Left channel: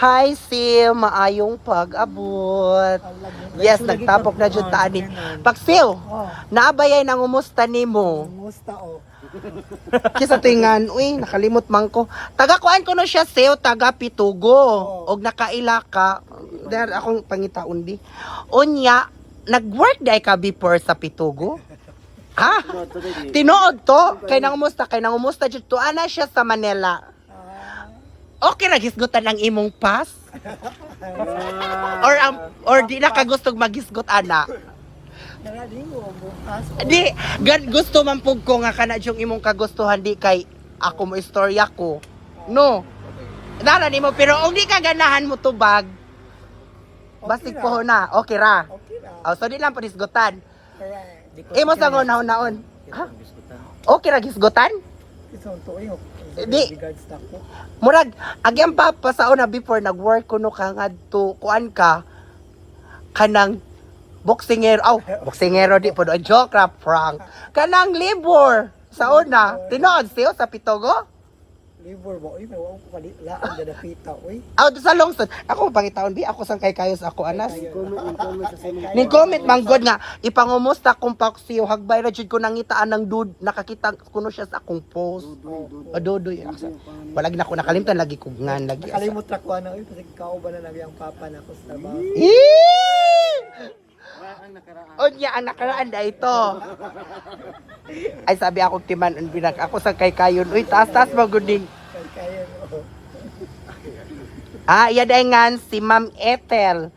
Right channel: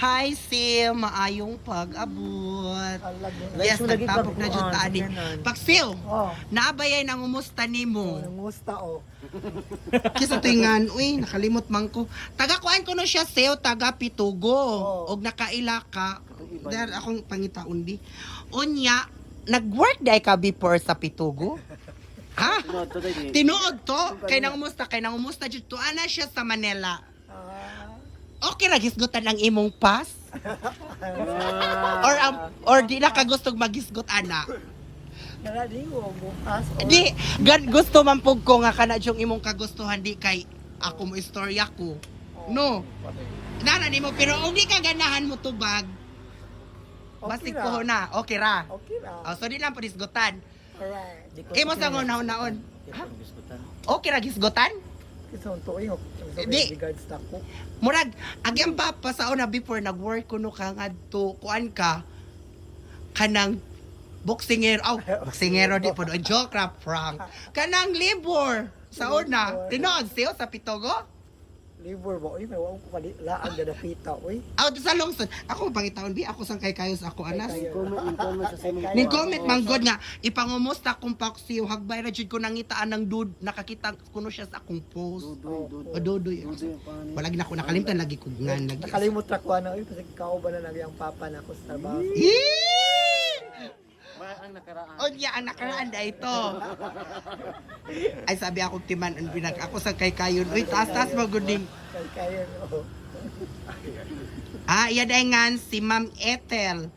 Hi, Sil. Maayong pag-abot. Yes, nagtapok na dyan taani. Pag-Sil, naabayay nang umusta ni mo. Musta o. Kisa tingan, uy, nakalimot man ko. Taga-kuan ko no siya, Sil, taga-Pitugo. Og nakaila ka. Dahil akong pangitaon di. Unya, nag-work day ka before sa Pitugo? Ha? Tinuod to? Kay nang umusta dyan. Tuana siya sa Manila. Okay ra gisgutan ang imong pass? Or di na ka gustong magisgot ana? Nalaligo bukas. Di gusto man pug ko nga kana yung imong kagustuhan di kay ako mo istorya ko. No. Dara nimo pero kung di ka ganahan mo tubag. Basig ko na. Okay ra. Okay ra. Oh, so di lang panisgutan. Correct. Imo sa naon. Ha? Okay ra gisgutan? Isang tuyo. Di. Regards na ko. Murag, agyang papa sa una before nag-work ko no ka nga to, kuan ka, kanang boksingero, boksingero di po doon, joke ra, prank. Kanang labor, sa una, tinood siyo sa Pitugo? Libur mo, may wala ko laan na napita, uy. Sa lungsod, ako pangitaon di, ako sang kay kayo sa ako anas. Comment sa Ning comment man god nga, ipangumusta kong paksiyo, hagbay ra jud ko nangitaan ng dude, nakakita kuno siya sa akong post. Dodoy. Walag na ko nakalimtan lagi kugngan lagi. Nakalimot na ko ano, uy, kasi kauban na nagyang papa na ko sa trabaho. Unya ang nakaraan na ito. Ay sabi ako timan binak ako sa kay kayon. Uy taas maguding. Kaya no. Iya daingan si Ma'am Ethel.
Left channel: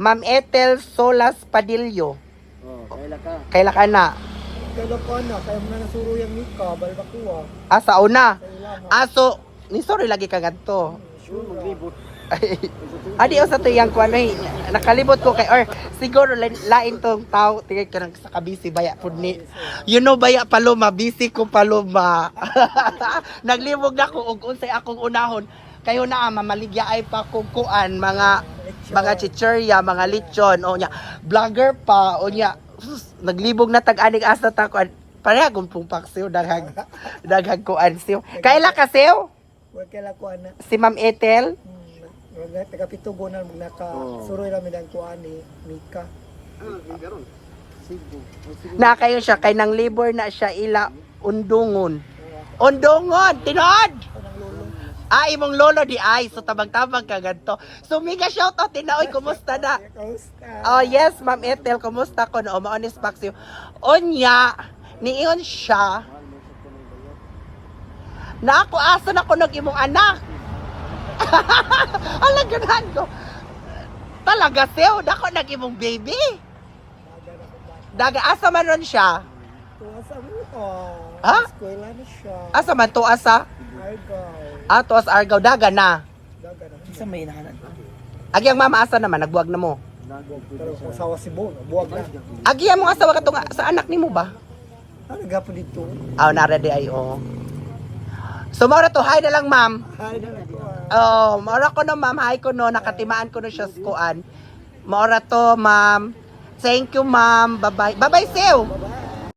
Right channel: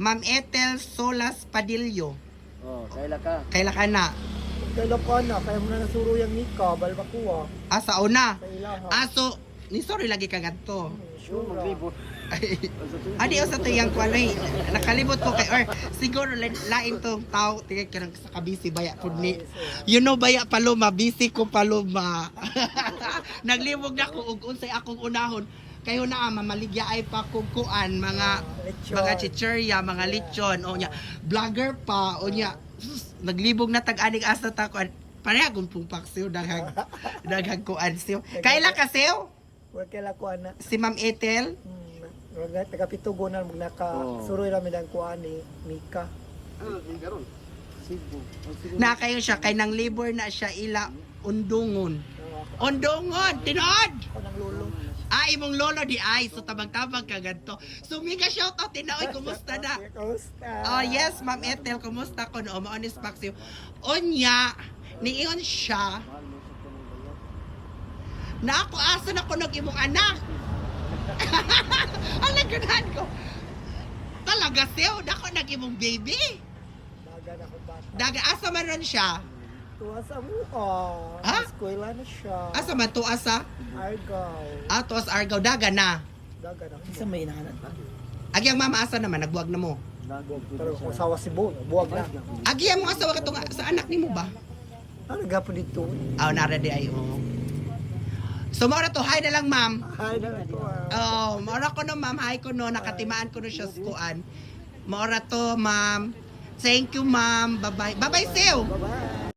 Ma'am Ethel Solas Padillo. Kaila ka na. Kaya ko na, kaya mo na nasuro yung Nika, balbakuha. Sa una. Kailangan. So, ni sorry lagi ka ganto. Sure. Adi o sa tuyang ko ano nakalibot ko kay or siguro lain tong tao tingay ka sa kabisi baya pud ni you know baya paloma busy ko paloma naglibog na ko og unsay akong unahon kayo na mamaligya ay pa kung kuan mga chichirya mga lechon o nya vlogger pa o nya naglibog na tag-anig asa ta ko pareha gud pong paksiw daghang kuan siyo kaila ka siyo Huwag kailan ko na. si Ma'am Ethel Taga-Pitugo na suroy namin ang kuha ni Mika. na kayo siya kay nang labor na siya ila undungon tinod Ang lolo. imong lolo di ay so tabang-tabang ka ganto so mega shout out tinaoy kumusta na Kamusta? yes Ma'am Ethel kumusta ko no maonis paksiw onya niiyon siya na ako asa na ko nag imong anak alaganan ko talaga sew dako nag imong baby daga asa man ron siya Tuwa sa mo. Ha? Eskwela na siya. asa man to asa Argaw. tuas Argao daga na Daga na. Isa may nahanan. agyang mama asa naman nagbuwag na mo Pero kung sawa si Bo, buwag na. agyang mo asawa katong sa anak nimo ba Ano nagapon dito? nara di ay so maura to hi na lang ma'am Hi na lang ko. maura ko no ma'am hi ko no nakatimaan ko no siya skuan maura to ma'am thank you ma'am bye bye Sew Bye-bye.